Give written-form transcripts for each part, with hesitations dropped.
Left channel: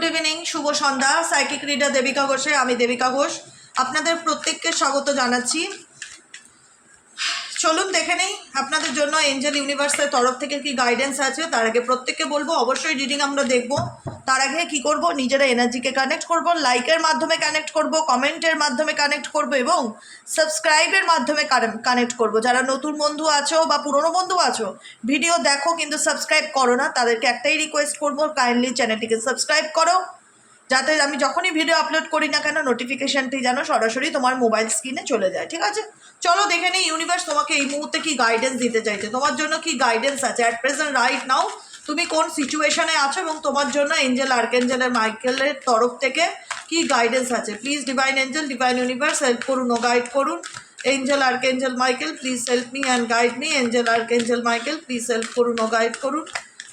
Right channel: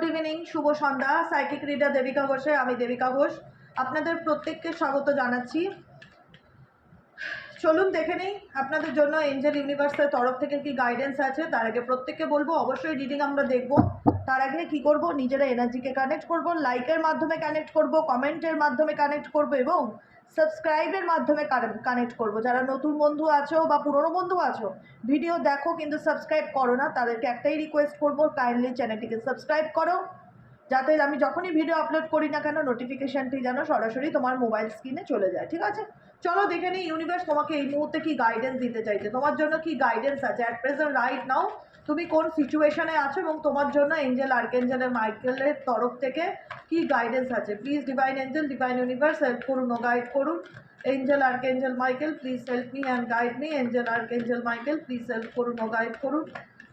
Good evening, শুভ সন্ধ্যা। Psychic reader Devika ঘোষে, আমি দেবিকা ঘোষ আপনাদের প্রত্যেককে স্বাগত জানাচ্ছি। চলুন দেখে নেই আপনাদের জন্য এঞ্জেল ইউনিভার্সের তরফ থেকে কি গাইডেন্স আছে। তার আগে প্রত্যেককে বলবো অবশ্যই রিডিং আমরা দেখব। তার আগে কি করব, নিজেরা এনার্জিকে কানেক্ট করব, লাইকের মাধ্যমে কানেক্ট করব, কমেন্টের মাধ্যমে কানেক্ট করব এবং সাবস্ক্রাইবের মাধ্যমে কানেক্ট করব। যারা নতুন বন্ধু আছো বা পুরনো বন্ধু আছো, ভিডিও দেখো কিন্তু সাবস্ক্রাইব করো না, তাদেরকে একটাই রিকোয়েস্ট করবো, কাইন্ডলি চ্যানেলটিকে সাবস্ক্রাইব করো, যাতে আমি যখনই ভিডিও আপলোড করি না কেন নোটিফিকেশানটি যেন সরাসরি তোমার মোবাইল স্ক্রিনে চলে যায়। ঠিক আছে, চলো দেখে নিই ইউনিভার্স তোমাকে এই মুহূর্তে কি গাইডেন্স দিতে চাইছে, তোমার জন্য কি গাইডেন্স আছে অ্যাট প্রেজেন্ট রাইট নাও, তুমি কোন সিচুয়েশনে আছো এবং তোমার জন্য এঞ্জেল আর্কএঞ্জেলের মাইকেলের তরফ থেকে কি গাইডেন্স আছে। Please divine angel, divine universe help করুন ও গাইড করুন। Angel archangel Michael please help me and guide me. Angel archangel Michael please help করুন ও গাইড করুন।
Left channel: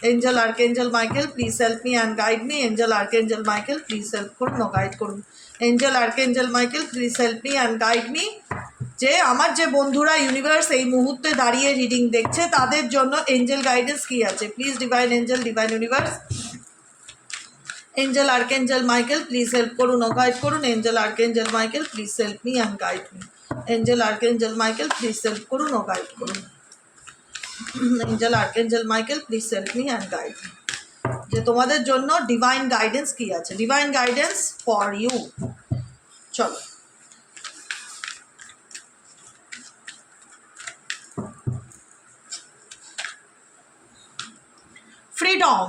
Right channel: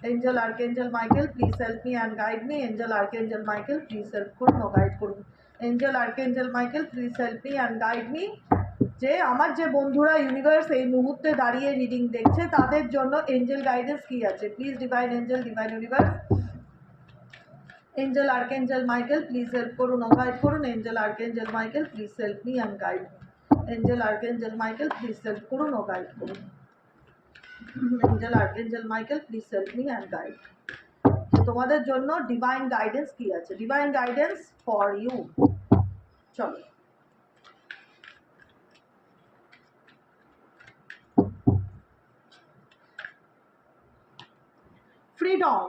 Angel Archangel Michael please help me and guide me. Angel Archangel Michael please help করুন ও guide করুন। Angel Archangel Michael please help me and guide me। যে আমার যে বন্ধুরা ইউনিভার্স এই মুহূর্তে দাঁড়িয়ে রিডিং দেখছে তাদের জন্য এঞ্জেল গাইডেন্স কি আছে। Please divine angel, divine universe, angel archangel Michael please help করুন ও গাইড করুন। Angel archangel Michael please help me and guide me. Angel archangel Michael please help করুন ও গাইড করুন। Angel archangel Michael please help me and guide me. যে তোমাদের জন্য divine guidance কি আছে, ডিভাইন গাইডেন্স ফর ইউ। চলো freedom.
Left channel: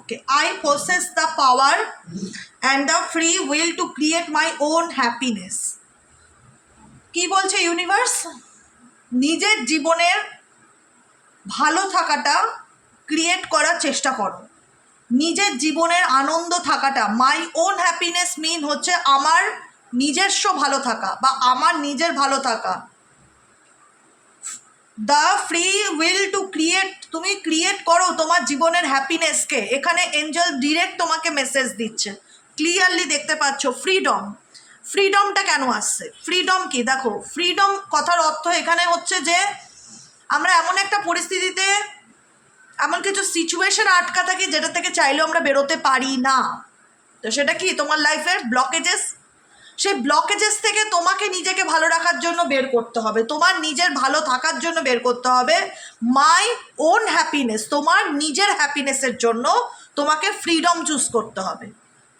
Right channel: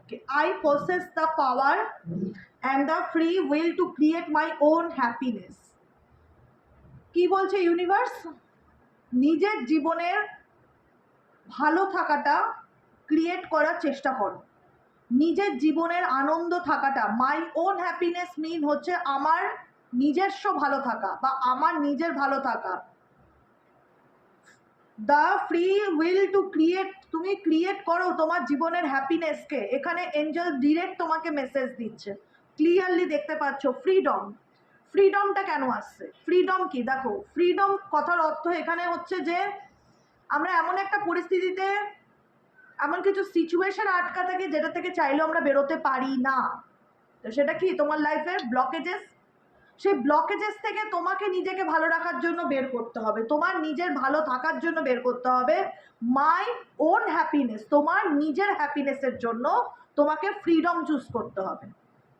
Okay. I possess the power and the free will to create my own happiness. কি বলছে universe, নিজের জীবনের ভালো থাকাটা ক্রিয়েট করার চেষ্টা করো, নিজের জীবনের আনন্দ থাকাটা। মাই ওন হ্যাপিনেস মিন হচ্ছে আমার নিজস্ব ভালো থাকা বা আমার নিজের ভালো থাকা। The free will to create, তুমি ক্রিয়েট করো তোমার জীবনের হ্যাপিনেসকে। এখানে এঞ্জেল ডিরেক্ট তোমাকে মেসেজ দিচ্ছে, ক্লিয়ারলি দেখতে পাচ্ছ। ফ্রিডম, ফ্রিডমটা কেন আসছে, ফ্রিডম কি দেখো। ফ্রিডম কথার অর্থ এখানে হচ্ছে যে আমরা এমন একটা পরিস্থিতিতে, এমন কিছু সিচুয়েশন আটকা থাকি যেটা থেকে চাইলেও আমরা বেরোতে পারি না। তো সেটা কি তোমার লাইফের ব্লকেজেস, সেই ব্লকেজেস থেকে তোমাকে নিজেকে ভালো রাখার জন্য বের করতে হবে, তোমার নিজের ভালো থাকার জন্য বের করতে হবে। মাই ওন হ্যাপিনেস, তোমার নিজের হ্যাপিনেসের জন্য তোমাকে ফ্রিডম চুজ করতে হবে।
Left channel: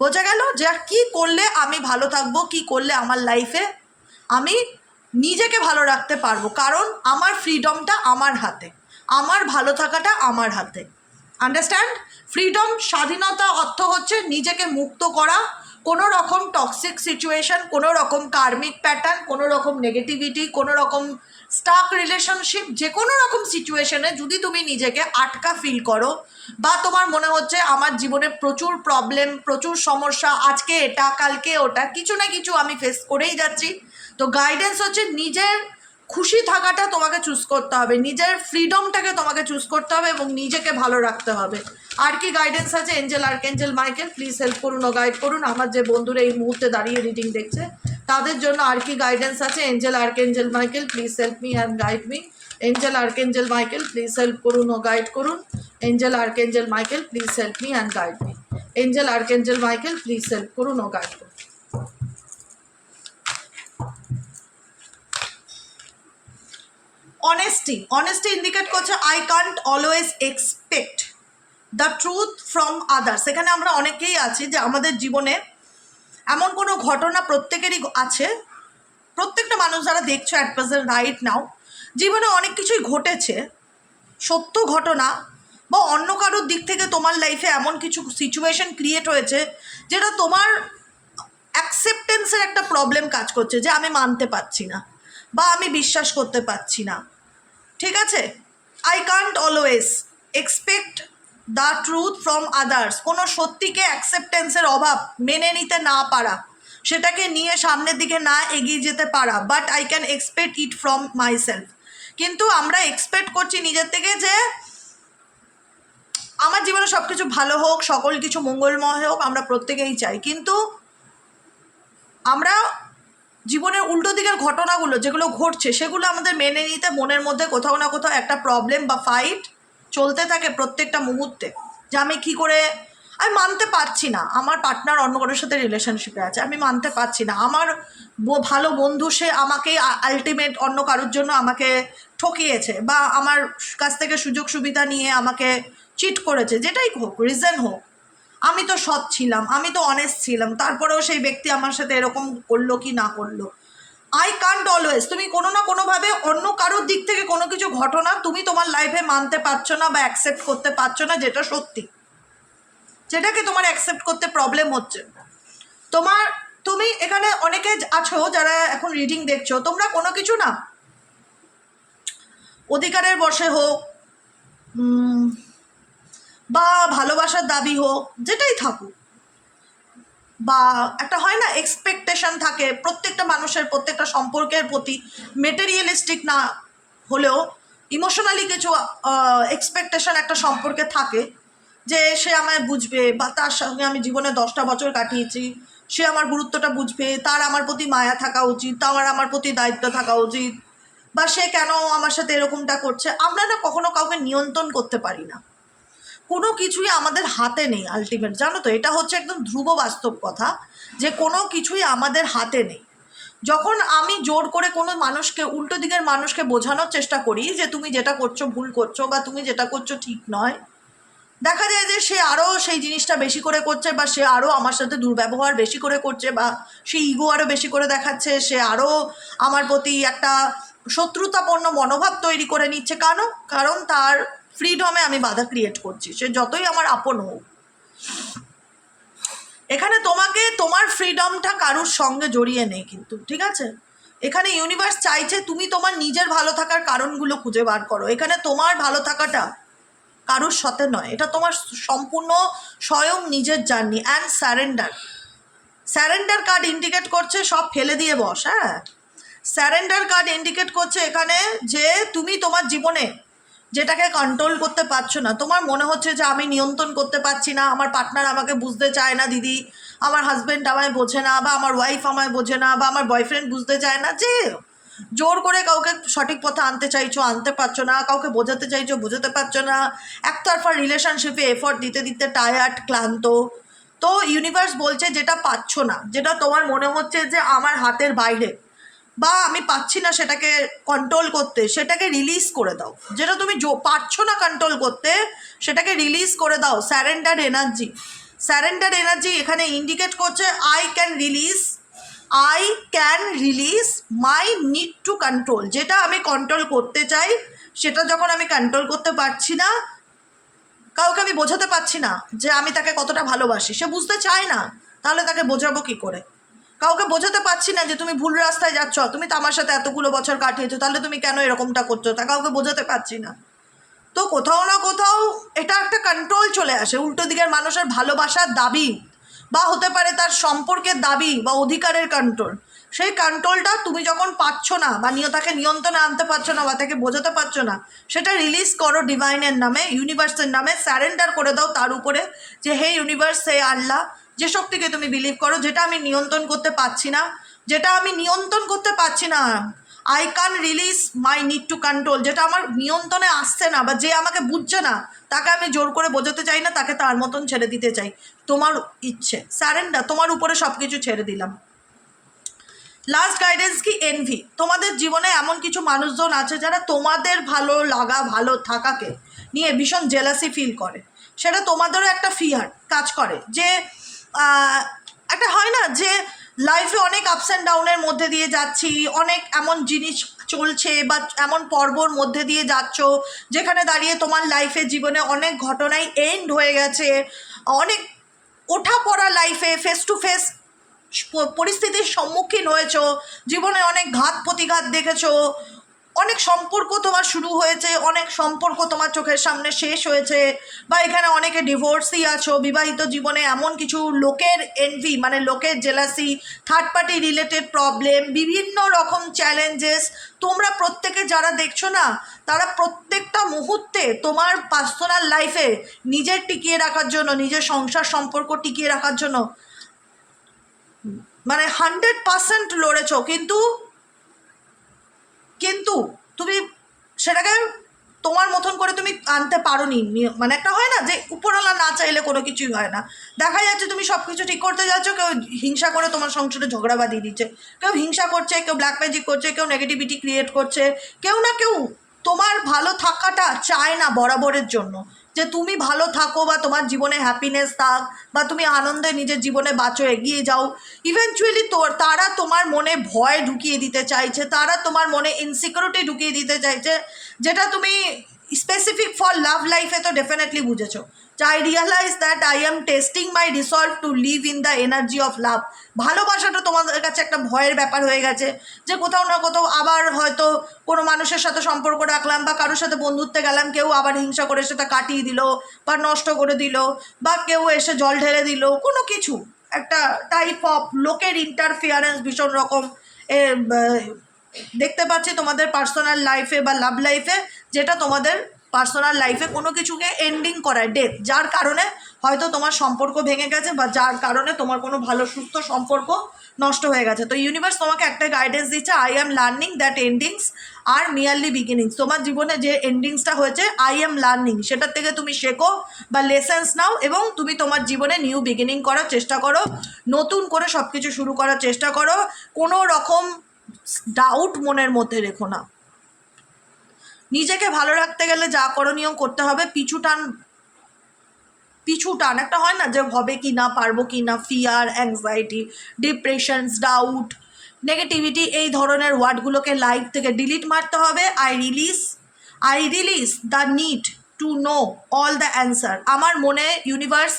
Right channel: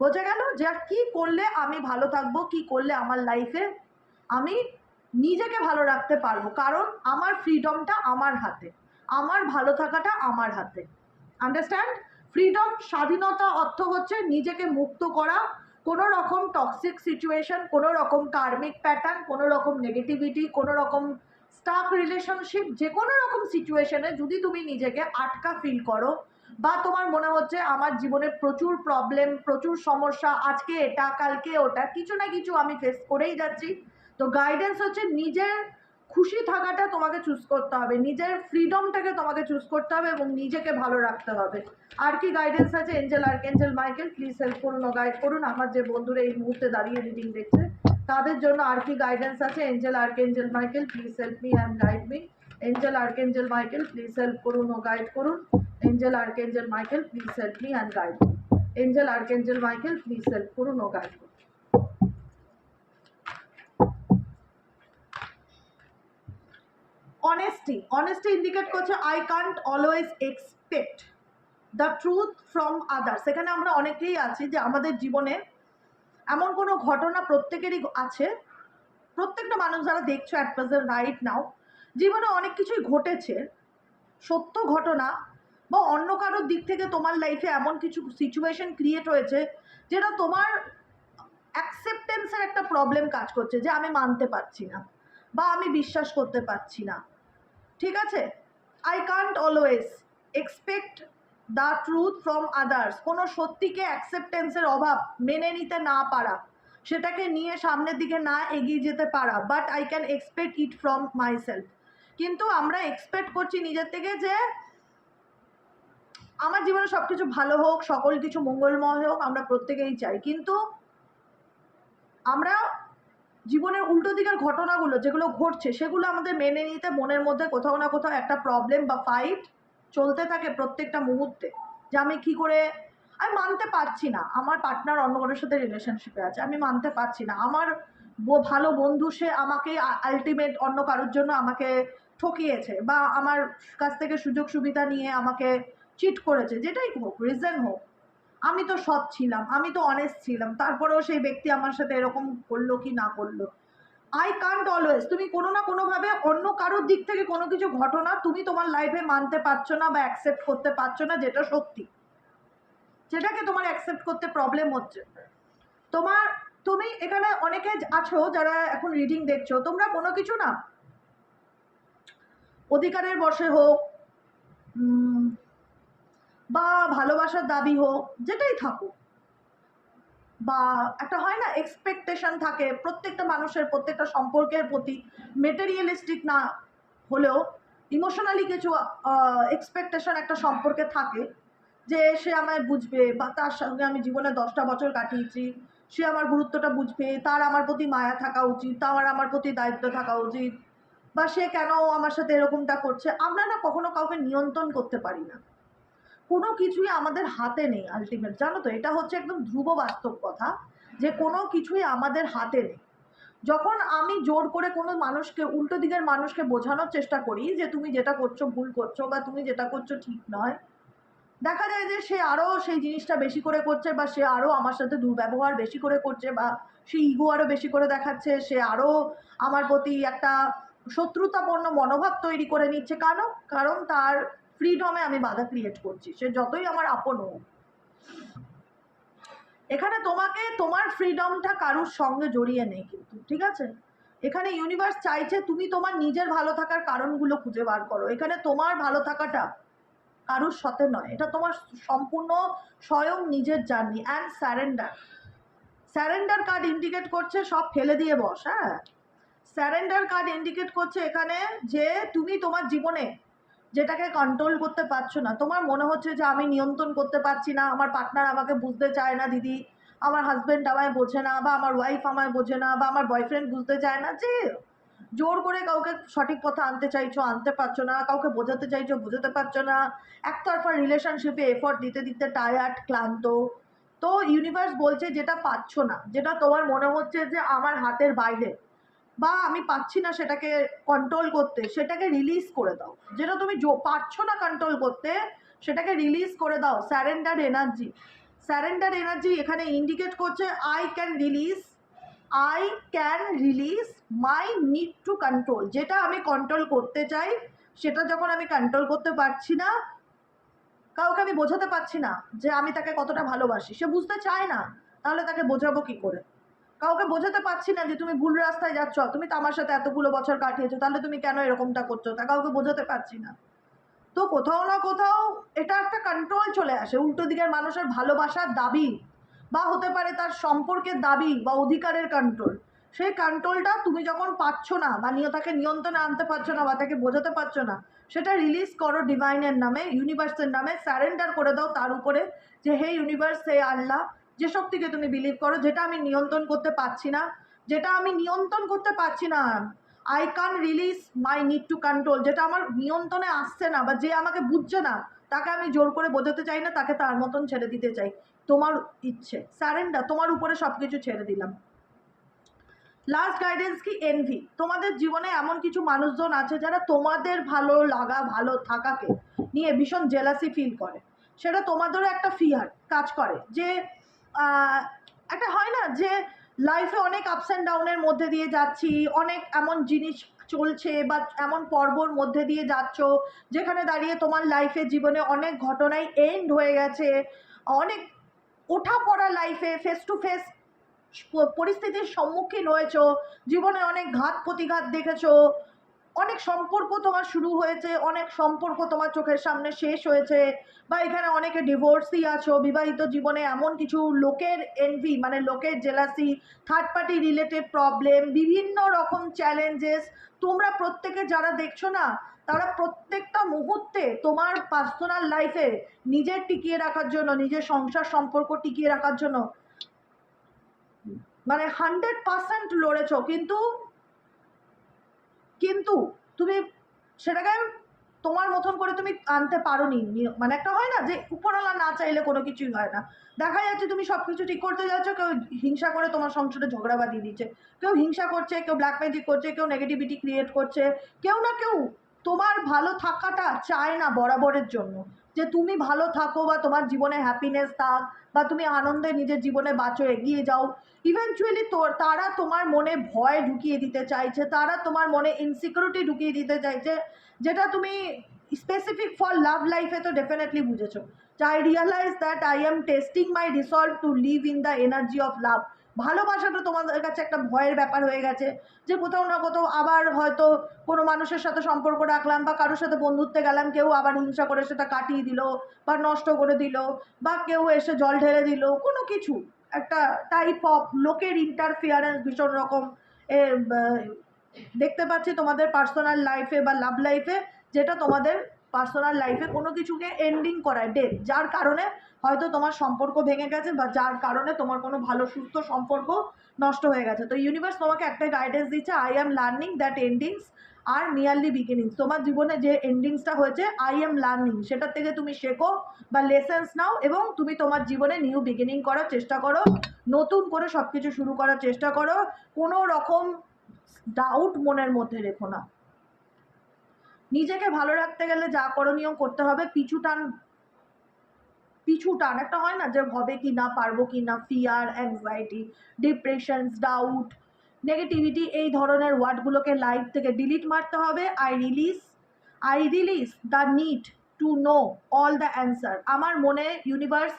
বোঝা গেল যে কী করলে আমি ভালো থাকবো, কী করলে আমার লাইফে আমি নিজেকে ভালো রাখতে পারবো, কারণ আমার ফ্রিডমটা আমার হাতে, আমার ভালো থাকাটা আমার হাতে। আন্ডারস্ট্যান্ড? ফ্রিডম, স্বাধীনতা অর্থ হচ্ছে নিজেকে মুক্ত করা কোনো রকম টক্সিক সিচুয়েশন, কোনো রকম কার্মিক প্যাটার্ন, কোনো রকম নেগেটিভিটি, কোনো রকম স্টাক রিলেশনশিপ, যে কোনো রকম সিচুয়েশনে যদি তুমি নিজেকে আটকা ফিল করো বা তোমার মনে হচ্ছে আমার জীবনে প্রচুর প্রবলেম, প্রচুর সমস্যা, আজকে এটা কালকে ওটা, কিছু না কিছু আমি ফেস করেই যাচ্ছি, তো গাইডেন্স হচ্ছে নিজের খুশি থাকাটা তোমাকে চুজ করতে হবে, নিজের ফ্রিডমটাকে তোমাকে চুজ করতে হবে এবং নিজেকে ভালো রাখতে হবে। আর কি গাইডেন্স আছে, angel archangel Michael please help করুন ও গাইড করুন। আমার যে বন্ধুরা এই মুহূর্তে দাঁড়িয়ে রিডিং দেখছে তাদের জন্য আর কি গাইডেন্স আছে। Angel archangel Michael please help me and guide me. Angel archangel Michael please help করুন ও গাইড করুন। Angel archangel Michael please help me and guide me. Angel archangel Michael please help করুন ও গাইড করুন। Honesty indicate করছে I can't always expect the truth from others. এখানে আমরা অনেকেই আছি যে আমাদের জীবনে এমন কোনো ঘটনা প্রত্যেকেরই আছে, প্রত্যেকটা মানুষ যারা দেখছো অ্যাট প্রেজেন্ট রাইট নাও, জীবনে অনেক কিছুই ঘটেছে, সত্য ঘটনা বা অন্য কারোর দিক থেকে তোমার লাইফে এমন কিছু সিচুয়েশন ক্রিয়েট হয়েছে যেটা তোমার অ্যাকসেপ্টেন্সের একটা প্রবলেম কাজ করছে, যে আমি মানতে পারছি না বা আমি বিশ্বাস করতে পারছি না। ঠিক আছে, I can't always expect the truth from others, কোনো সত্যিকে অ্যাকসেপ্টেন্সের অভাব, মেনে নিতে না পারা, সেটাকে নিয়ে সামনের দিকে না এগিয়ে যেতে পারা। But I can expect it from my self, কিন্তু আমরা এক্সপেক্ট করছি নিজের থেকে যে আমার জীবনে সব কিছু ভালো হোক, সকল কিছু মঙ্গলময় হোক, আমরা প্রত্যেকেই চাই, কিন্তু আমরা জীবনের উল্টো দিকের ঘটনাগুলো যেগুলো ঘটছে সেগুলো আমাদের মেনে নিতে মনের মধ্যে কোথাও না কোথাও একটা প্রবলেম বা ফাইট চলতে থাকে প্রত্যেকটা মুহূর্তে, যে আমি কী করে আমি মানতে পারছি না আমার পার্টনার অন্য কারোর সাথে রিলেশনশিপে আছে, আমি মানতে পারছি না আমার ভালো বন্ধু সে আমাকে আলটিমেট অন্য কারোর জন্য আমাকে ঠকিয়েছে বা আমার কাছ থেকে সুযোগ সুবিধা নিয়ে আমাকে চিট করেছে, যেটাই হোক রিজন হোক, আমি তো সৎ ছিলাম, আমি তো অনেস্ট ছিলাম, তারপরেও সেই ব্যক্তি আমার সাথে এরকম করলো কি না করলো। আই কান্ট অলওয়েজ, তুমি কোনো না কোনোভাবে অন্য কারোর দিক থেকে কোনো কিছু ঘটনা তুমি তোমার লাইফে মানতে পারছো না বা অ্যাকসেপ্ট করতে পারছো না, যেটা সত্যি, যেটাকে তোমার অ্যাকসেপ্ট করতে প্রবলেম হচ্ছে। তুমি এখানে অনেকে আছো যারা এখন রিডিং দেখছো, তোমরা কোনো কিছু না অধিকারের বশে হোক বা ভালোবাসার দাবি হোক, যেটাই থাকুক, বা একটা হয় না এক্সপেকটেশন থাকে প্রত্যেকটা মানুষের প্রত্যেকটা সম্পর্কের প্রতি, মেটেরিয়ালিস্টিক না হলেও ইমোশনালি কিছু এক্সপেকটেশন একটা সম্পর্কে থাকে, যে সে আমায় বুঝবে বা তার সঙ্গে আমি জীবনে 10টা বছর কাটিয়েছি, সে আমার গুরুত্বটা বুঝবে, তার আমার প্রতি মায়া থাকা উচিত, তার আমার প্রতি দায়িত্ব থাকা উচিত, বা সে কেন আমার সাথে এরকমটা করছে। আমরা না কখনো কাউকে নিয়ন্ত্রণ করতে পারি না, কোনো কিছুই আমাদের হাতে নেই আলটিমেট, জানো তো, এটা হচ্ছে একদম ধ্রুব বাস্তব কথা যে কোনো কিছুই আমাদের হাতে নেই। যখন আমি জোর করে কোনো মানুষকে, উল্টো দিকের মানুষকে বোঝানোর চেষ্টা করি যে তুমি যেটা করছো ভুল করছো বা তুমি যেটা করছো ঠিক নয়, দেখা যায় যে সে আরও সেই জিনিসটা বেশি করে করছে বা সে আরও আমার সাথে দুর্ব্যবহার বেশি করে করছে বা সে ইগো আরও বেশি করে দেখাচ্ছে, সে আরও আমার প্রতি একটা শত্রুতাপূর্ণ মনোভাব তৈরি করে নিচ্ছে। কারণ তার ফ্রিডমে আমি বাধা ক্রিয়েট করছি, সে যতই আমার আপন হোক। এখানে তোমাকে তোমার ফ্রিডমটা কারুর সঙ্গে জড়িয়ে নেই কিন্তু, ঠিক আছে? এখানে ইউনিভার্স চাইছে তুমি তোমার নিজের ভালো থাকার কারণগুলো খুঁজে বার করো। এখানে তোমার ভালো থাকাটা কারুর সাথে নয়, এটা তোমার সম্পূর্ণ স্বয়ং নিজের journey. And surrender card indicate করছে সব ফেলে দিয়ে বস। হ্যাঁ, স্যারেন্ডার কার্ড ইন্ডিকেট করছে এখানে যে তুমি তোমার জীবনে যেটাকে কন্ট্রোল করতে পারছো না, তোমার মনে হচ্ছে যে আমি নিয়ন্ত্রণ করতে পারছি না, আমার পার্টনার আমাকে বুঝতে চায় না দিদি, আমার হাজব্যান্ড আমায় বোঝে না, বা আমার ওয়াইফ আমায় বোঝে না, বা আমার বয়ফ্রেন্ড বুঝতে চায় না, যে জোর করে কাউকে সঠিক পথে আনতে চাইছো আনতে পারছো না, কাউকে বোঝাতে চাইছো বোঝাতে পারছো না, একতরফা রিলেশনশিপে এফোর্ট দিতে দিতে টায়ার্ড ক্লান্ত। তো ইউনিভার্স বলছে যেটা পাচ্ছ না, যেটা তোমার মনে হচ্ছে যে আমার হাতের বাইরে বা আমি পাচ্ছি না সেটাকে কন্ট্রোল করতে, সেটাকে রিলিজ করে দাও। যেটা তুমি পারছো না কন্ট্রোল করতে, সেটাকে রিলিজ করে দাও। স্যারেন্ডার এনার্জি এখানে ইন্ডিকেট করছে I can release my need to control. যেটা আমি কন্ট্রোল করতে চাই সেটা যখন আমি কন্ট্রোল করতে পারছি না, কাউকে আমি বোঝাতে পারছি না যে আমি তাকে কতটা ভালোবাসি, সে বুঝতে চায় না, তাহলে তাকে বোঝাবো কি করে? কাউকে বোঝাতে পারছি না যে তুমি ভুল রাস্তায় যাচ্ছ, তুমি তো আমার সাথে এতগুলো বছর কাটিয়েছো, তাহলে তুমি কেন এরকমটা করছো, তা কাউকে বোঝাতে পারছি না। তো কোথাও না কোথাও এটা একটা কন্ট্রোল চলে আসে, উল্টো দিকের মানুষের ভালোবাসার দাবি বা হতে পারে তার সম্পর্কের দাবি বা অধিকারের কন্ট্রোল। সেই কন্ট্রোলটা তুমি যখন পাচ্ছ না বা তাকে নিয়ন্ত্রণে আনতে পারছো না বা তাকে বোঝাতে পারছো না, সেটা রিলিজ করো ডিভাইনের নামে, ইউনিভার্সের নামে। স্যারেন্ডার করে দাও তার উপরে যে হে ইউনিভার্স, হে আল্লাহ, যে শক্তিকে তুমি বিলিভ করো, যেটা আমি নিয়ন্ত্রণ করতে পারছি না, I can release my need to control. যেটা আমার নিয়ন্ত্রণে আসছে না বা যে আমাকে বুঝছে না, তাকে আমি জোর করে বোঝাতে চাই না, তাকে তার মতন ছেড়ে দিতে চাই। তোমার ইচ্ছে, স্যারেন্ডার, তোমার উপরে সব কিছু ছেড়ে দিলাম। লাস্ট গাইডেন্স কি এনভি। তোমাদের জীবনে এমন কিছু মানুষজন আছে যারা তোমাদের ভালো লাগা ভালো থাকাকে নিয়ে ভীষণ জেলাসি ফিল করে। সেটা তোমাদেরও একটা ফিয়ার কাজ করে যে একটা হয় না যে লাইফে অনেক আপস অ্যান্ড ডাউনের মধ্যে দিয়ে যাচ্ছি, অনেক এমন জিনিস চলছে বা এমন পর্বর মধ্যে দিয়ে যাচ্ছ যেখানে দাঁড়িয়ে তোমার লাইফে জীবনে অনেক ঘটনাই এন্ড হয়ে গেছে, অনেক ওঠা পড়া লাইফে ফেস টু ফেস পরিস্থিতির সম্মুখীন হয়েছ, জীবনে অনেক ঘাত প্রতিঘাত দেখেছো, অনেক সম্পর্ক তোমার শুরু হয়েছে, অনেক সম্পর্ক তোমার চোখের সামনে শেষ হয়েছে, বা এখানে অনেকে ডিভোর্সই আছো। বিবাহিত জীবনে এমন কিছু লোকের এনভি মানে লোকের jealousy, third party related problem, বিভিন্ন রকম চ্যালেঞ্জেস, তোমরা প্রত্যেকে যারা দেখছো না, তারা প্রত্যেকটা মুহূর্তে তোমার পার্সোনাল লাইফে নিজের টিকিয়ে রাখার জন্য, নিজের সংসার সম্পর্ক টিকিয়ে রাখার জন্য মানে 100% লড়েছ, কিন্তু তুমি সেটাকে তোমার মতন করে তুমি আনতে পারো নি। মানে একটা হয় না যে উপরওয়ালা না চাইলে কোনো কিছুই হয় না। দেখা যাচ্ছে তুমি সব কিছু ঠিক করতে যাচ্ছ, কেউ হিংসা করে তোমার সংসারে ঝগড়া বাঁধিয়ে দিচ্ছে, কেউ হিংসা করছে, কেউ ব্ল্যাক ম্যাজিক করছে, কেউ নেগেটিভিটি ক্রিয়েট করছে, কেউ না কেউ তোমার ভালো থাকাটা চায় না বরাবরের জন্য, যে তুমি ভালো থাকো বা তোমার জীবনে হ্যাপিনেস থাক বা তুমি আনন্দে নিজের জীবনে বাঁচো, এগিয়ে যাও। ইভেনচুয়ালি তারা তোমার মনে ভয় ঢুকিয়ে দিতে চাইছে, তারা তোমার মনে ইনসিকিউরিটি ঢুকিয়ে দিতে চাইছে, যেটা তুমি স্পেসিফিক ফর লাভ লাইফে তো ডেফিনেটলি বুঝেছো। I realize that I am testing my resolve to live in the energy of love. ভালোবাসাটা তোমাদের কাছে একটা ভয়ের ব্যাপার হয়ে গেছে, যে কোথাও না কোথাও আবার হয়তো কোনো মানুষের সাথে সম্পর্ক রাখলাম বা কারোর সাথে বন্ধুত্বে গেলাম, কেউ আবার হিংসা করে সেটা কাটিয়ে দিল বা নষ্ট করে দিল, বা কেউ এসে জল ঢেলে দিল, কোনো কিছু একটা টাইপ অফ লোকের ইন্টারফিয়ারেন্স ভীষণ রকম দেখতে পাচ্ছি তোমাদের পার্সোনাল লাইফে বা লাভ লাইফে, যেটা তোমাদের পার্সোনাল লাইফে কোনো কিছুকে এন্ডিং করায়, ডেথ, যার কারণে হয়তো তোমার সম্পর্ক ভেঙে গেছে বা যার কারণে তোমার কোনো ভালো সুস্থ সম্পর্ক নষ্ট হয়ে গেছে। তো ইউনিভার্স তোমাকে একটা গাইডেন্স দিচ্ছে, I am learning that endings are merely beginnings. তোমার জীবনে যে এন্ডিংসটা হয়েছে, আই এম লার্নিং, সেটার থেকে তুমি শেখো বা লেসেন্স নাও এবং তুমি তোমার জীবনে নিউ বিগিনিং করার চেষ্টা করো, নতুন করে সব কিছু শুরু করার চেষ্টা করো। কোনো রকম ডাউট মনের মধ্যে রেখো না। নিজেকে ভালো রাখতে গেলে যা করণীয় করতে হবে, পিছু টান একটা হয় না যে হবে কি না, পারবো কি না, ফিয়ার, অ্যাংজাইটি, ডিপ্রেশনস, ডাউট, নেগেটিভিটি, এই ধরনের ওয়ার্ডগুলোকে লাইফ থেকে ডিলিট মারতে হবে। I release the need to know all the answer. আমার মনে ইউনিভার্স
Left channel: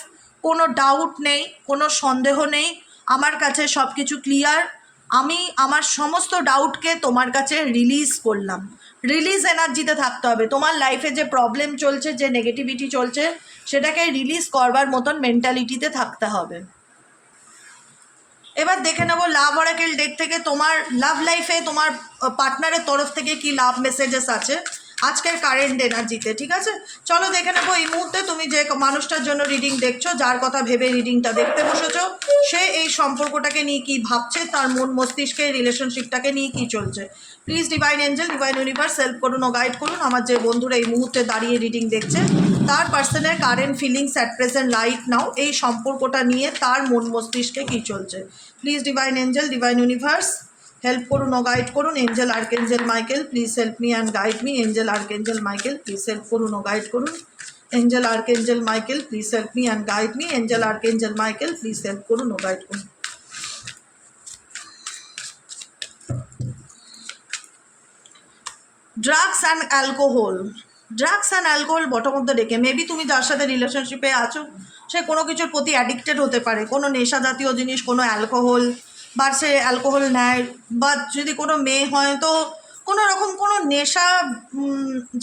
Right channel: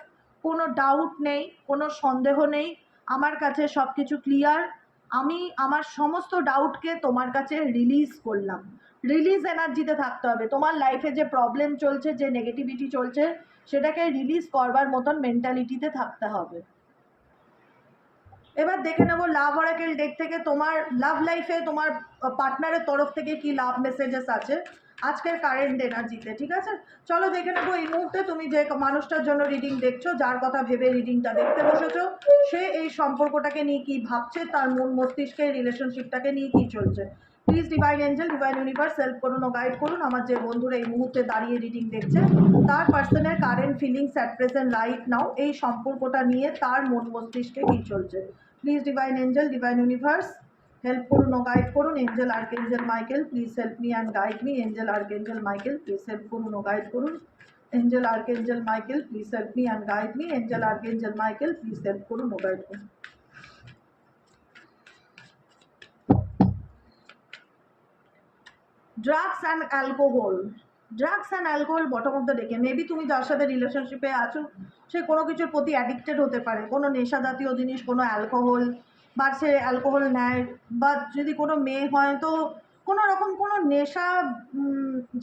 কোনো ডাউট নেই, কোনো সন্দেহ নেই, আমার কাছে সব কিছু ক্লিয়ার। আমি আমার সমস্ত ডাউটকে তোমার কাছে রিলিজ করলাম। রিলিজ এনার্জিতে থাকতে হবে। তোমার লাইফে যে প্রবলেম চলছে, যে নেগেটিভিটি চলছে, সেটাকে রিলিজ করবার মতন মেন্টালিটিতে থাকতে হবে। এবার দেখে নেবো লাভ অরাকেল ডেক থেকে তোমার লাভ লাইফে তোমার পার্টনারের তরফ থেকে কি লাভ মেসেজেস আছে আজকের কারেন্ট এনার্জিতে। ঠিক আছে, চলো দেখে নেবো এই মুহূর্তে তুমি যে মানুষটার জন্য রিডিং দেখছো, যার কথা ভেবে রিডিংটা দেখতে বসেছো, সে এই সম্পর্কটাকে নিয়ে কি ভাবছে, তার মন মস্তিষ্কে রিলেশনশিপটাকে নিয়ে কি চলছে। Please divine angel, divine universe help করুন ও গাইড করুন আমার যে বন্ধুরা এই মুহূর্তে দাঁড়িয়ে রিডিং দেখছে, তার পার্সনের current feelings at present right now, এই সম্পর্কটা নিয়ে তার মন মস্তিষ্কে কী চলছে। Please divine angel, divine universe help করুন ও গাইড করুন। Angel archangel Michael please help me and guide me. Angel archangel Michael please help করুন ও গাইড করুন। Angel archangel Michael please help me and guide me. Angel archangel Michael please help করুন ও guide করুন। Drugs and alcohol bottom of the ডেকে। Maybe তুমি যার সাথে রিলেশনশিপে আছো সে কোনো কিছুর প্রতি অ্যাডিক্টেড হতে পারে, কোনো নেশা জাতীয় জিনিস, কোনো অ্যালকোহল, বা সে অ্যালকোহল নেয়, বা যদি কোনো মেয়ে হয় তো কোনো রকম কোনো নেশা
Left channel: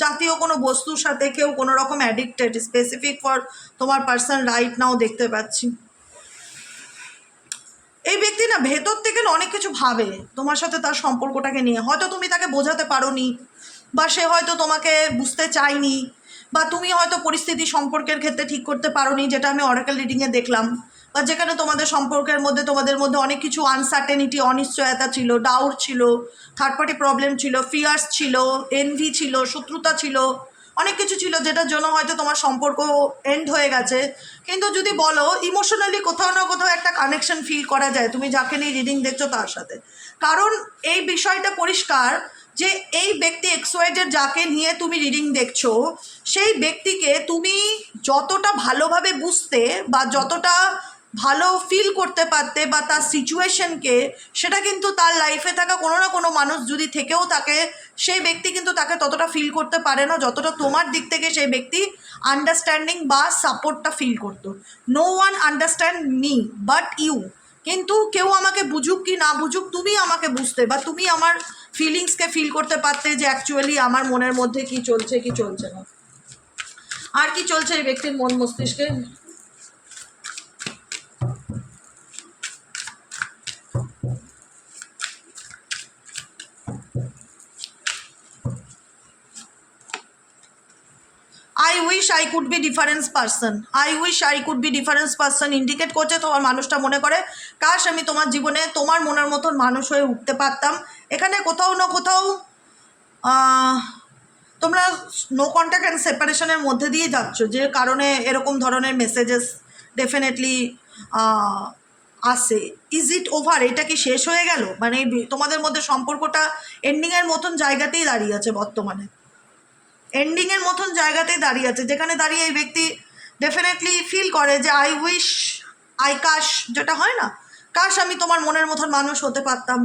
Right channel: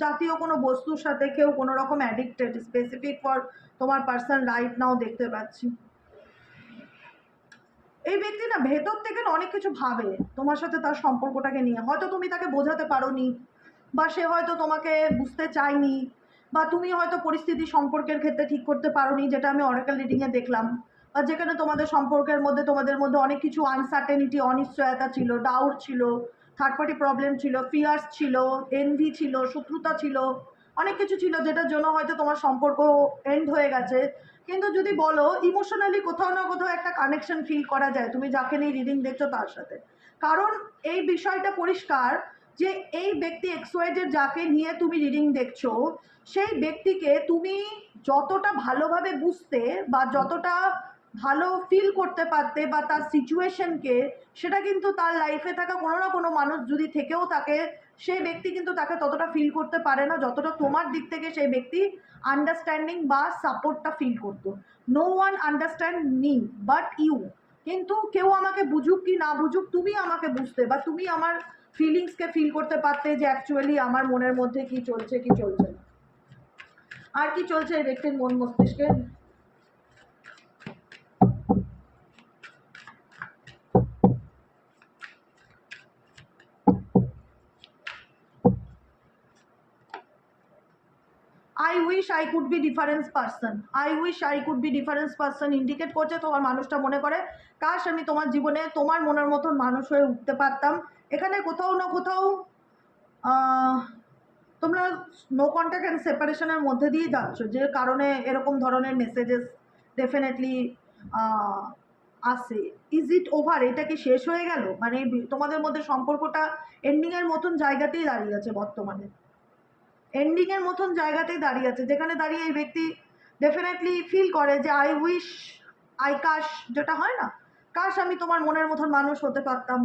জাতীয় কোনো বস্তুর সাথে কেউ কোনো রকম অ্যাডিক্টেড, স্পেসিফিক ফর তোমার পার্সন রাইট নাও দেখতে পাচ্ছি। এই ব্যক্তি না ভেতর থেকে অনেক কিছু ভাবে তোমার সাথে তার সম্পর্কটাকে নিয়ে, হয়তো তুমি তাকে বোঝাতে পারোনি, বা সে হয়তো তোমাকে বুঝতে চায়নি, বা তুমি হয়তো পরিস্থিতি সম্পর্কের ক্ষেত্রে ঠিক করতে পারোনি, যেটা আমি অরাকেল রিডিংয়ে দেখলাম, বা যেখানে তোমাদের সম্পর্কের মধ্যে তোমাদের মধ্যে অনেক কিছু আনসার্টেনিটি, অনিশ্চয়তা ছিল, ডাউট ছিল, থার্ড পার্টি প্রবলেম ছিল, ফিয়ার্স ছিল, এনভি ছিল, শত্রুতা ছিল, অনেক কিছু ছিল যেটার জন্য হয়তো তোমার সম্পর্ক এন্ড হয়ে গেছে। কিন্তু যদি বলো ইমোশনালি কোথাও না কোথাও একটা কানেকশন ফিল করা যায় তুমি যাকে নিয়ে রিডিং দেখছো তার সাথে, কারণ এই বিষয়টা পরিষ্কার যে এই ব্যক্তি এক্সওয়াইজেড যাকে নিয়ে তুমি রিডিং দেখছো, সেই ব্যক্তিকে তুমি যতটা ভালোভাবে বুঝতে বা যতটা ভালো ফিল করতে পারতে বা তার সিচুয়েশনকে, সেটা কিন্তু তার লাইফে থাকা কোনো না কোনো মানুষ যদি থেকেও থাকে, সেই ব্যক্তি কিন্তু তাকে ততটা ফিল করতে পারে না যতটা তোমার দিক থেকে সেই ব্যক্তি আন্ডারস্ট্যান্ডিং বা সাপোর্টটা ফিল করতো। No one understand me but you. কিন্তু কেউ আমাকে বুঝুক কি না বুঝুক, তুমি আমাকে বুঝতে বা তুমি আমার ফিলিংসকে ফিল করতে পারতে যে অ্যাকচুয়ালি আমার মনের মধ্যে কি চলছে কি চলছে না। আর কি চলছে এই ব্যক্তির মন মস্তিষ্কে। I wish I could be different person indicate করছে তোমার মানুষটা মনে করে কাশ আমি তোমার জীবনে তোমার মনের মতন মানুষ হয়ে উঠতে পারতাম। এখানে কোথাও না কোথাও তোমরা নো কন্ট্যাক্ট অ্যান্ড সেপারেশনের মধ্যে দিয়ে যাচ্ছ, যে কারণে এরকম ধরনের মেসেজেস ডেফিনেটলি আসে। Is it over? এটা কি শেষ হয়ে গেল? মানে তোমাদের মধ্যে সম্পর্কটা এন্ডিংয়ের মতন জায়গাতেই দাঁড়িয়ে আছে বর্তমানে, এন্ডিংয়ের মতন জায়গাতেই দাঁড়িয়ে আছে, যেখানে দাঁড়িয়ে এই ব্যক্তি ডেফিনেটলি ফিল করে যে আই উইশ, আই কাশ, যেটা হয় না, কাশ আমি তোমার মনের মতন মানুষ হতে পারতাম,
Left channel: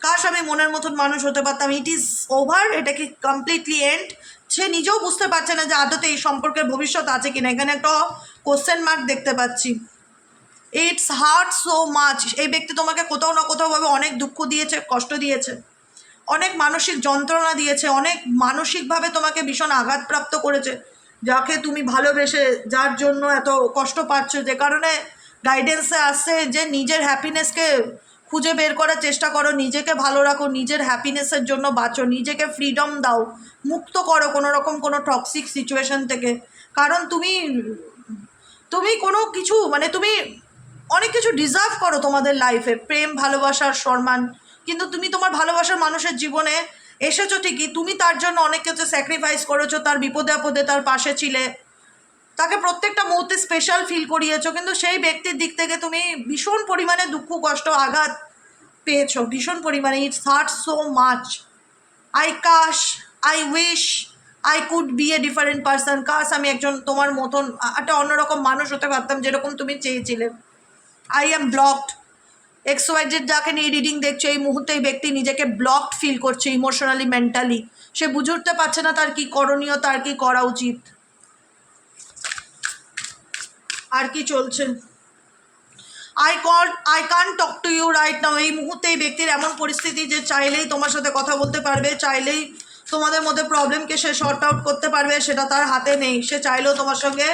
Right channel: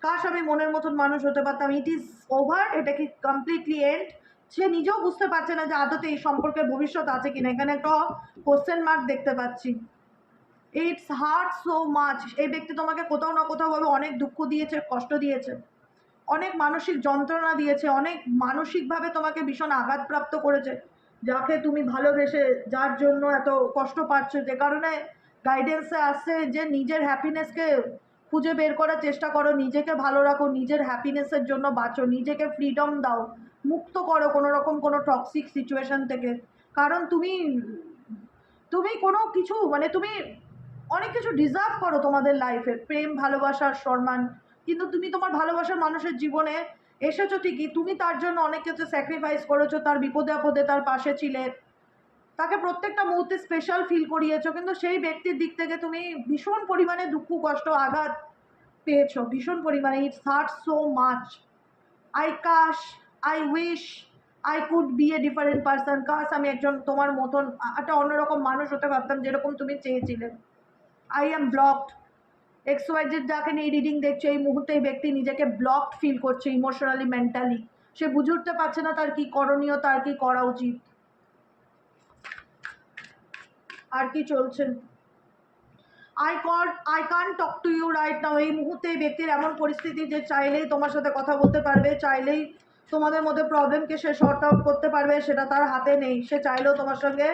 কাশ আমি মনের মতন মানুষ হতে পারতাম। ইট ইজ ওভার, এটা কি কমপ্লিটলি এন্ড? সে নিজেও বুঝতে পারছে না যে আদতে এই সম্পর্কের ভবিষ্যৎ আছে কিনা, এখানে একটা কোশ্চেন মার্ক দেখতে পাচ্ছি। ইটস হার্ট সো মাচ, এই ব্যক্তি তোমাকে কোথাও না কোথাওভাবে অনেক দুঃখ দিয়েছে, কষ্ট দিয়েছে, অনেক মানসিক যন্ত্রণা দিয়েছে, অনেক মানসিকভাবে তোমাকে ভীষণ আঘাতপ্রাপ্ত করেছে, যাকে তুমি ভালোবেসে যার জন্য এত কষ্ট পাচ্ছ, যে কারণে গাইডেন্সে আসছে যে নিজের হ্যাপিনেসকে খুঁজে বের করার চেষ্টা করো, নিজেকে ভালো রাখো, নিজের হ্যাপিনেসের জন্য বাঁচো, নিজেকে ফ্রিডম দাও, মুক্ত করো কোনো রকম কোনো টক্সিক সিচুয়েশন থেকে। কারণ তুমি তুমি কোনো কিছু মানে তুমি অনেক কিছু ডিজার্ভ করো তোমাদের লাইফে, প্রেম, ভালোবাসার, সম্মান, কিন্তু তুমি তোমার ভালোবাসার মানুষের জীবনে এসেছো ঠিকই, তুমি তার জন্য অনেক কিছু স্যাক্রিফাইস করেছো, তার বিপদে আপদে তার পাশে ছিলে, তাকে প্রত্যেকটা মুহূর্তে স্পেশাল ফিল করিয়েছো, কিন্তু সেই ব্যক্তির দিক থেকে তুমি ভীষণ পরিমাণে দুঃখ, কষ্ট, আঘাত পেয়েছো ভীষণ পরিমাণে। It's hurt so much, I কাশ, I wish I could be a different person, কাশ আমি একজন তোমার মতন একটা অন্যরকম মানুষ হতে পারতাম যেরকম তুমি চেয়েছিলে। আই এম ব্লকড, XYZ যাকে নিয়ে রিডিং দেখছো, এই মুহূর্তে এই ব্যক্তি নিজেকে ব্লকড ফিল করছে ইমোশনালি, মেন্টালি, সে বুঝে উঠতে পারছে না তার কি করণীয়, তার কি করা উচিত, আর কি চলছে। I can't talk to you right now, এই মুহূর্তে এই ব্যক্তির এমন পরিস্থিতি যে চাইলেই তোমার সাথে কথা বলতে পারবে, চাইলেই তোমাদের মধ্যে প্রবলেমকে সে শর্ট আউট করতে পারবে, সেটা তার হাতে নেই। সে চাইলেও তোমার সঙ্গে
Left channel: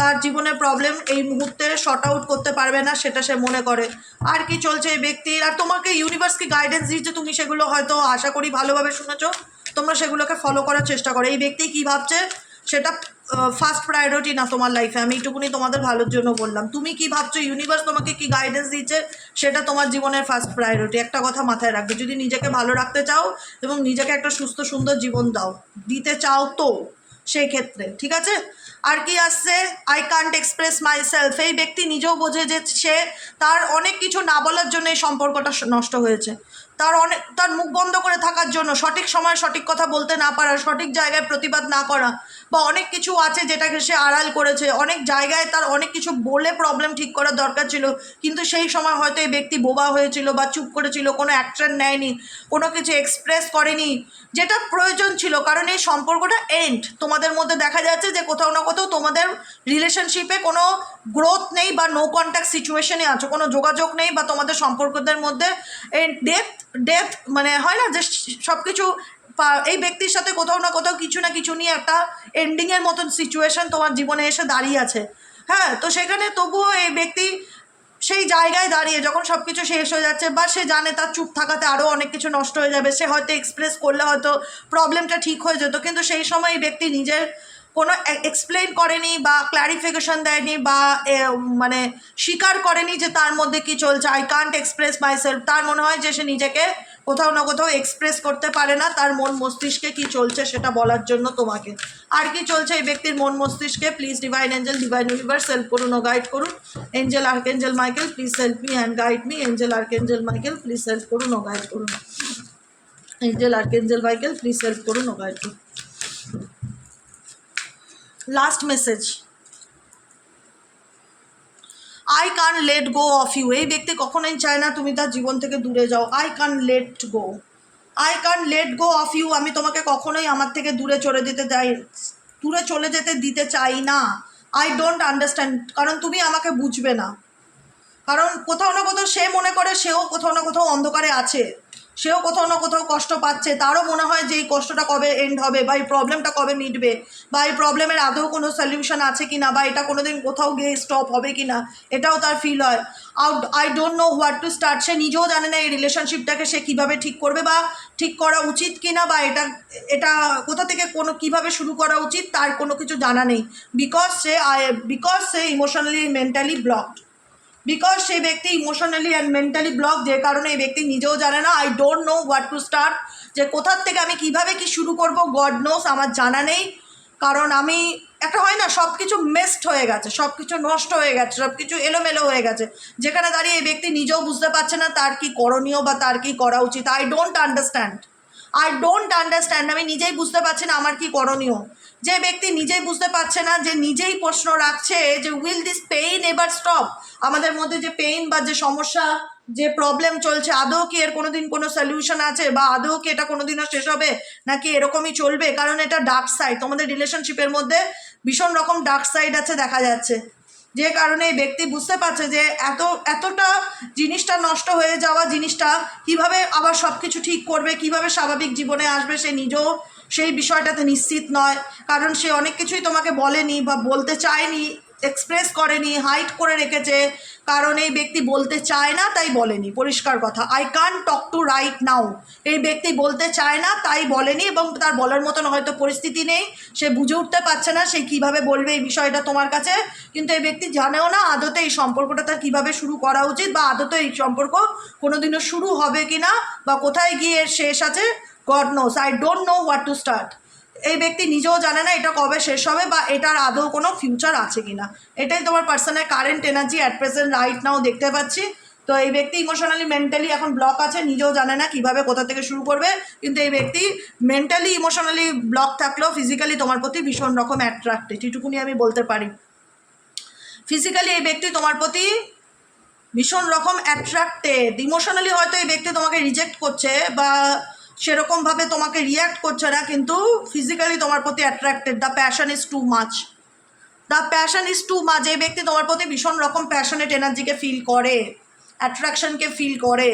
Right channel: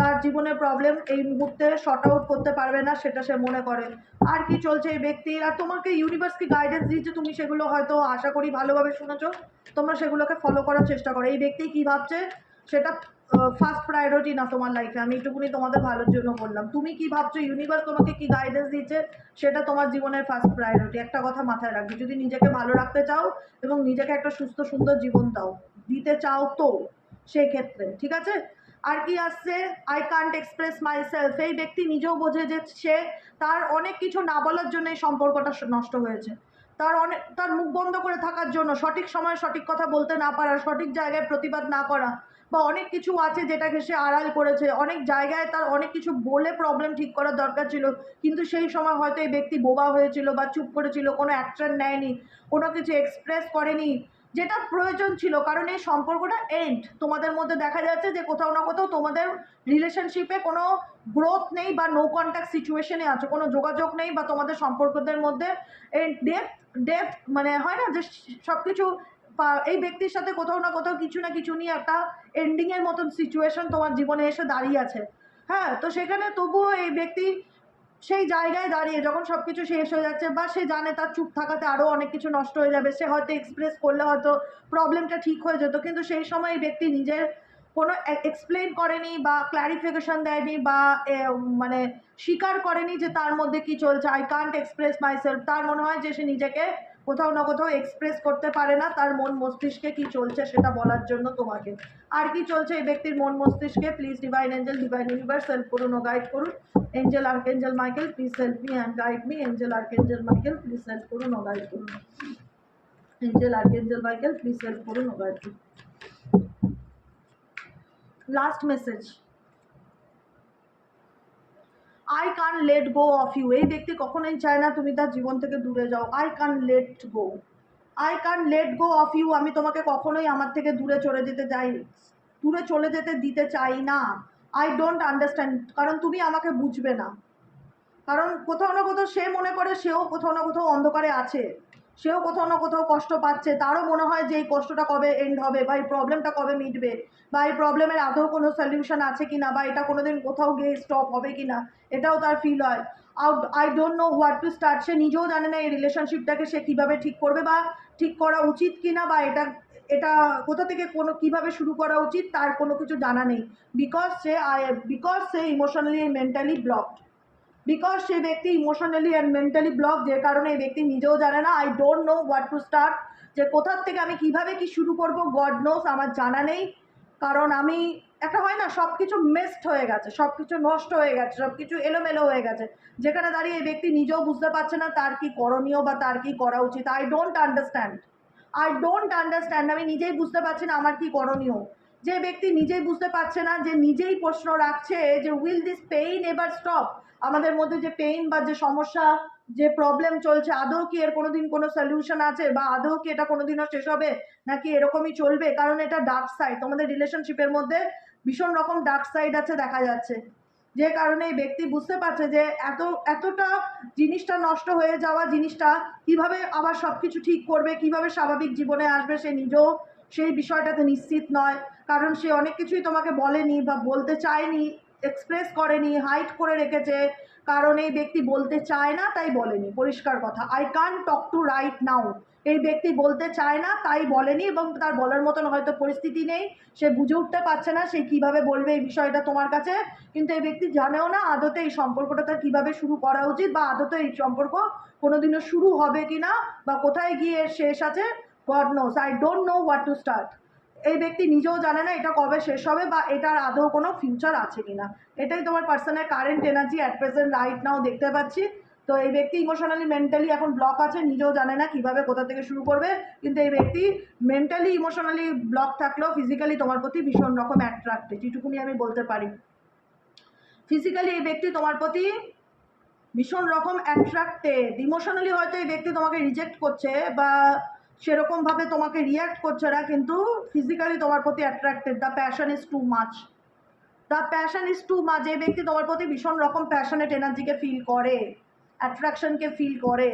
তার জীবনের প্রবলেম এই মুহূর্তে শর্ট আউট করতে পারবে না, সেটা সে মনে করে। আর কি চলছে এই ব্যক্তির, আর তোমাকে ইউনিভার্স কি গাইডেন্স দিচ্ছে, তুমি সেগুলো হয়তো আশা করি ভালোভাবে শুনেছো, তোমরা সেগুলোকে ফলো করার চেষ্টা করো। এই ব্যক্তি কী ভাবছে সেটা ফার্স্ট প্রায়োরিটি না তোমার লাইফে, আমি এইটুকুনি তোমাদের ভালোর জন্য বললাম। তুমি কি ভাবছো, ইউনিভার্স তোমাকে কি গাইডেন্স দিচ্ছে, সেটা তোমার জীবনের ফার্স্ট প্রায়োরিটি। একটা কথা মাথায় রাখবে, যদি নিজেকে ভালো রাখতে চাও এবং নিজেকে একটা সুস্থ সুন্দর জীবন দিতে চাও তো সেই ক্ষেত্রে, ঠিক আছে। আর কি আসছে, I can't express my self, এই ব্যক্তি নিজেও বোঝে যে সে তার অনেক কিছু না বলার জন্য এই সম্পর্কটা নষ্ট হয়েছে, তার মুখ বন্ধ করে থাকার জন্য, সঠিক সময়ে সঠিক কথা বলতে না পারা, সঠিক জায়গায় প্রতিবাদ না করা, বা অনেক কিছু আছে যেটাকে সে আড়াল করেছে, অনেক জায়গায় তার অনেক কিছু বলে প্রবলেম ঠিক করার দরকার ছিল, কিন্তু সেই সময় হয়তো এই ব্যক্তি বোবা হয়েছিল বা চুপ করেছিল, কোনো অ্যাকশন নেয়নি, কোনো কিছু এক্সপ্রেস করেনি যেটা প্রয়োজন ছিল। কারণ এই সম্পর্কটা এন্ড, তোমাদের মধ্যে দেখা যাচ্ছে যে কোথাও না কোথাও তোমাদের রিলেশনশিপে কোনো গ্রোথ নেই, বা নো কন্ট্যাক্ট সিচুয়েশনে আছো, কোনো যোগাযোগ নেই, বা তোমাদের সম্পর্কদের মধ্যে ডেথ মানে হয় না যে সব কিছু, এই ব্যক্তির সাথে কোথাও না কোথাও কিছু না কিছু নিয়ে একটা এন্ডিংয়ের মতন সিচুয়েশন তোমার জীবনে এসে দাঁড়িয়ে আছে। হ্যাঁ, তো সেখানে তবুও এই ব্যক্তি সেই জায়গায় দাঁড়িয়ে যখন সব কিছু শেষ হয়ে যাচ্ছে, বা সে জানে তার চুপ থাকাতে আরও অনেক কিছু নষ্ট হয়ে যাবে, সে হয়তো এক্সপ্রেস করলে হয়তো প্রবলেমটা ঠিক হয়ে যেত, কিন্তু সেই সময় এই ব্যক্তি নিজের কোনো এক্সপ্লেন করেনি বা ক্ল্যারিফিকেশন দেয়নি, বা মানে স্বীকার করেনি যে তার মধ্যে কি চলছে। আই কান্ট এক্সপ্রেস মাইসেলফ, তার মনে হয় যে সে নিজেকে কোথাও না কোথাও এক্সপ্রেস করতে পারে না তার মন মস্তিষ্কে কি চলছে সেটা বলার জন্য তোমাকে। আর কি চলছে এই ব্যক্তির মন মস্তিষ্কে, please divine angel, divine universe help করুন ও গাইড করুন। Angel archangel Michael please help me and guide me. Angel archangel Michael please help করুন ও গাইড করুন। Angel archangel Michael please help করুন ও গাইড করুন। Last message, I can let go of you, এই ব্যক্তি কখনোই চায় না তুমি তার জীবন থেকে দূরে যাও। I can let go, I can let go of you, আমি তোমাকে কখনোই আমার থেকে দূরে চলে যেতে দিতে চাই না। আই ডোন্ট আন্ডারস্ট্যান্ড, কারণ তুমি আমাকে বুঝবে না, কারণ কোথাও না কোথাও সে মনে করে সেও কোথাও না কোথাও অন্ধকারে আছে, সেও কোথাও না কোথাও কষ্ট পাচ্ছে, তারও মনে হয় যে এই কষ্টটা কবে এন্ড হবে, বা এই প্রবলেমটা কবে মিটবে, বা এই প্রবলেমের আদৌ কোনো সলিউশন আছে কি না, বা এটা কোনো দিন কোথাও গিয়ে স্টপ হবে কি না, এটাও তার ফিল হয়। I don't know what to start, সে নিজেও জানে না এই রিলেশনশিপটাকে সে কীভাবে ঠিক করবে, বা ঠিক করা উচিত কি না, বা এটা কোথা থেকে কীভাবে শুরু করা উচিত তার কোনো কিছু জানা নেই, because say emotionally mentally blocked. Because সেই ব্যক্তি ইমোশনালি অ্যান্ড মেন্টালি ব্লক, যে কারণে এই ব্যক্তি নিজেও জানে না। I don't know what to start, যে কোথার থেকে আমি কিভাবে কি শুরু করব, গড নোস, আমার জানা নেই। কারণ আমি একটা হয় না, সব কিছু মেসড হয়ে গেছে, সব কিছু নষ্ট হয়ে গেছে, সব কিছু এলোমেলো হয়ে গেছে, যেখানে দাঁড়িয়ে এই ব্যক্তি নিজেও বুঝতে পারছে না তার কি করণীয় বা তার কি করা উচিত। আই ডোন্ট আন্ডারস্ট্যান্ড, আমি নিজেই বুঝতে পারছি না আমার কি করণীয়। যে ব্যক্তি নিজেই বুঝতে পারছে না, যে নিজেই প্রশ্ন রাখছে যে উইল দিস পেইন এবার স্টপ, আমাদের মধ্যে যে পেইন বা যে সমস্যা, যে প্রবলেম চলছে, আদৌ কি এর কোনোদিন কোনো সলিউশন আছে, বা আদৌ কি এটা কোনোদিনও শেষ হবে, নাকি এরকমই চলবে। কারণ এটা ডার্ক সাইড, তোমাদের রিলেশনশিপের মধ্যে ভীষণ রকম ডার্ক সাইড আছে দেখা যাচ্ছে, যে কারণে এই ব্যক্তি বুঝতে পারছে যে এতটা জিনিসটা নষ্ট হয়ে যাওয়া জিনিসটা কিভাবে আবার সব কিছু ঠিক করবে, কিভাবে স্বাভাবিক জীবনে আসবে, সে নিজেও সেই বিষয়টাতে নিশ্চিত নয়। কারণ সে অনেক কিছুই তোমাকে বলেনি বা বলতে চায়নি, এক্সপ্রেস করেনি, হাইড করে রেখেছে। কারণ এই ব্যক্তি বলতে চায় না, তাই বলেনি। পরিষ্কার কথা, I can't talk two right now, এই ব্যক্তি বলতে চায় না তাই বলেনি, এবং তার বলার মতন হয়তো পরিস্থিতি নেই, সে বুঝে উঠতে পারছে না সে কিভাবে বলবে এই বিষয়টা তোমার কাছে। কিন্তু এই ব্যক্তি জানেও না আদতে এই সম্পর্কটা তার কীভাবে শুরু করা উচিত, বা আদতে এই সম্পর্ক কোনোদিনও শুরু হবে কি না, বা কোথায় গিয়ে শেষ আছে, God knows. I don't know what to start. এই ব্যক্তি নিজেও জানে না এটা কবে শেষ হবে, বা এটার আদৌ কোনো ফিউচার আছে কি না। এটাই তোমার পার্সনের current energy at present right নাও দেখতে পাচ্ছি। তো এই ব্যক্তি ইমোশনালি মেন্টালি এখন ব্লক আছে, নিজেও জানে না কিভাবে কোথা থেকে শুরু করবে। কিন্তু এই ব্যক্তি মেন্টালি ইমোশনালি ব্লক থাকলেও ফিজিক্যালি তোমার প্রতি ভীষণ রকম অ্যাট্রাক্টেড, এটুকুনি আমি বলতে পারি। ফিজিক্যালি এই ব্যক্তি তোমার প্রতি ভীষণ রকম অ্যাট্রাক্টেড। ইমোশনালি হয়তো এই ব্যক্তি তোমাকে রিজেক্ট করছে বা সেরকমভাবে তোমাকে রিয়্যাক্ট করছে না, কিন্তু ফিজিক্যালি তোমার প্রতি attracted. The passion is too much, এই ব্যক্তি তোমার প্রতি ভীষণ রকম প্যাশনেট এনার্জিকে ফিল করে, অ্যাট্রাকশনকে ফিল করে।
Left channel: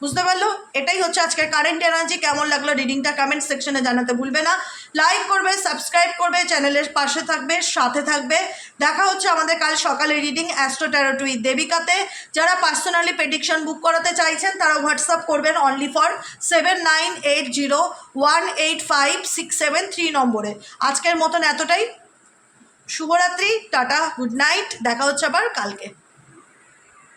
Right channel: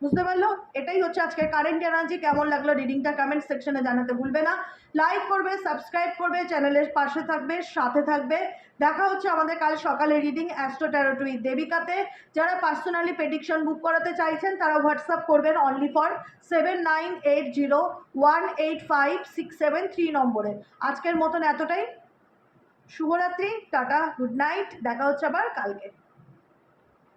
বুঝতে পারলো? এটাই হচ্ছে আজকের কারেন্ট এনার্জি। কেমন লাগলো রিডিংটা কমেন্ট সেকশনে জানাতে ভুলবে না। লাইক করবে, সাবস্ক্রাইব করবে, চ্যানেলের পাশে থাকবে, সাথে থাকবে। দেখা হচ্ছে আমাদের কাল সকালে রিডিং অ্যাস্ট্রো ট্যারো উইথ দেবিকাতে। যারা পার্সোনালি প্রেডিকশন বুক করাতে চাইছেন তারা হোয়াটসঅ্যাপ করবেন অনলি ফর 7980185673 নম্বরে। আজকের মতন এতটাই। শুভরাত্রি, টাটা, গুড নাইট, দেখা হচ্ছে আবার কালকে।